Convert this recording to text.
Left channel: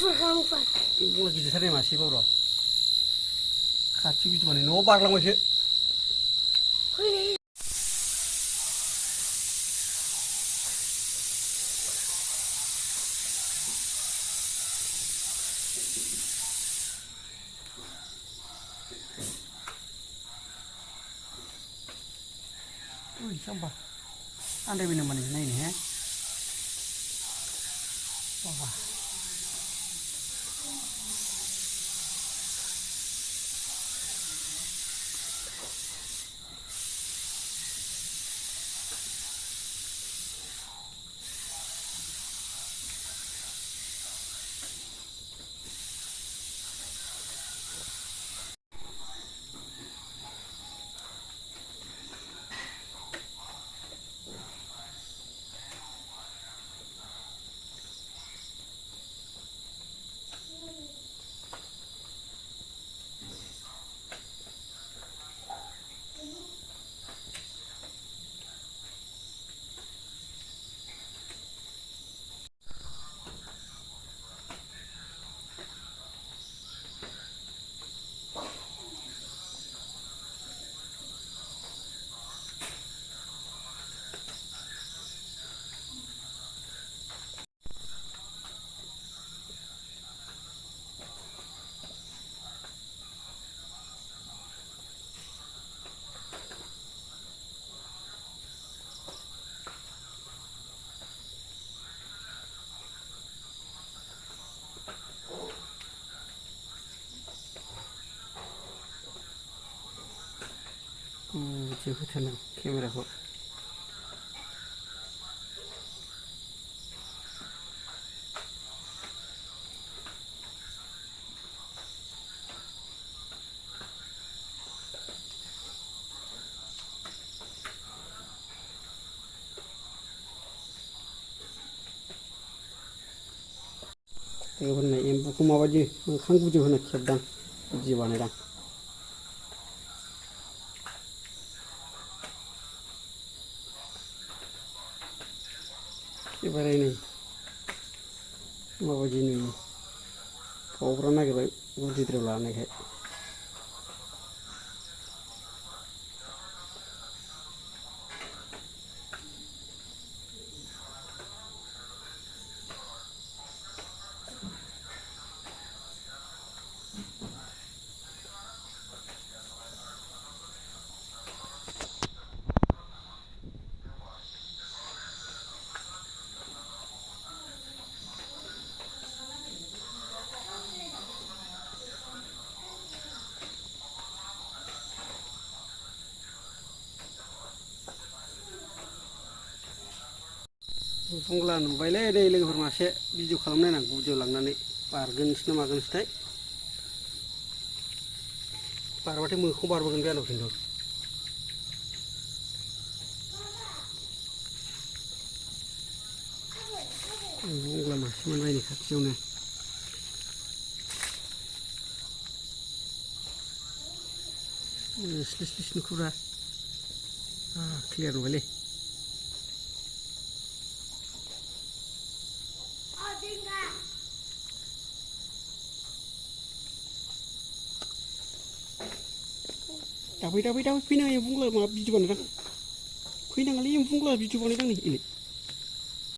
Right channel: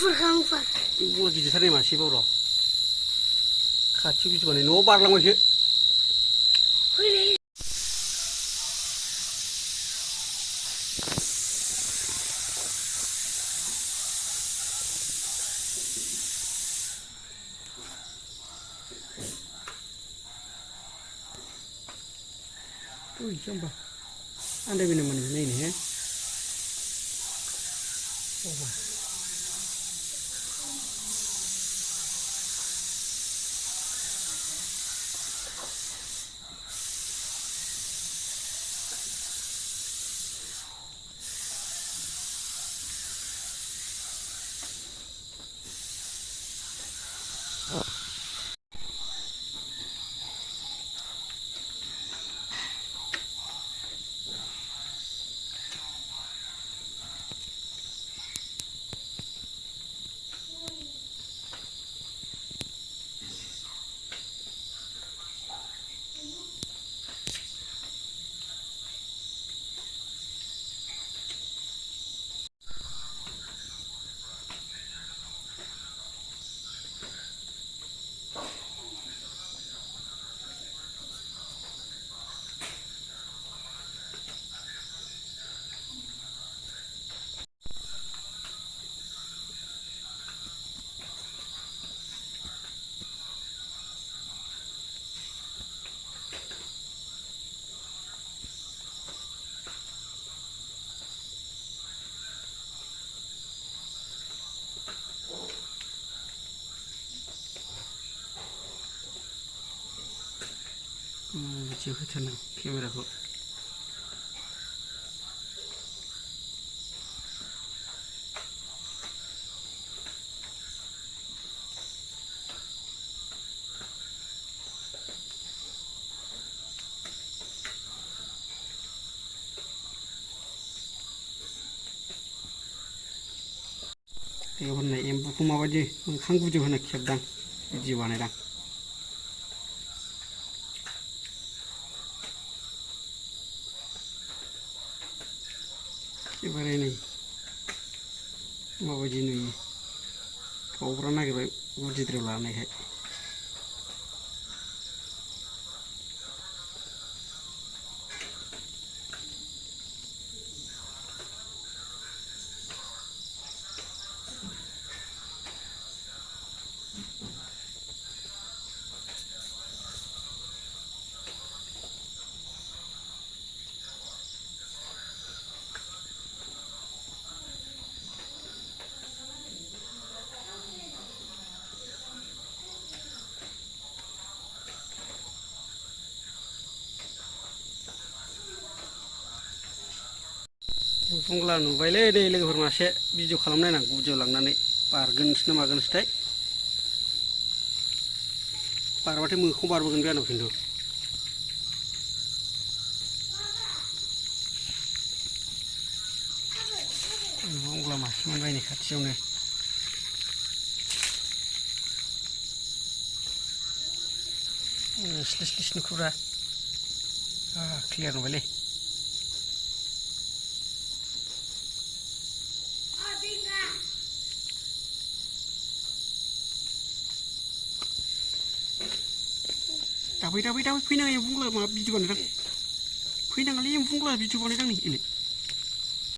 मुफुर बुंला गिदिरथारनाय मासेबाव र' खाथियाव बिदि बानाय न'आव बारलांबायसो फैलाय जाम्बा आन्दायबाय नामा नों नायनो हे बाबा बिदि होथारनां केमेराखौ होननाय एम्बुखौ माबायदि मोखां गुदियाव होना खेबदां बिदि बानायदां एबारे नै माबायदि नुयो गावग्रा नागिरबाय गुदिद्रायाव लानायखाय बुंला नुबायलै नै लोगोफोर मासे भिडिअ खालामनायनां गुदियाव लांनानै बारगोनसो ना मागोनसोथाय बारबाथाय मोखां बारबोगोन बे आंनाव खिन्थु बुंला मासे मोनबाय नै खाथियावनो स्लिस स्लिस नुखुब्रा क्लियार नुबायलै दाबै फैनाङा एम्बु बुंला माबा भिडिअ बानायदां फैनाङालै एम्बु बुंला भिडिअ बानायदां नै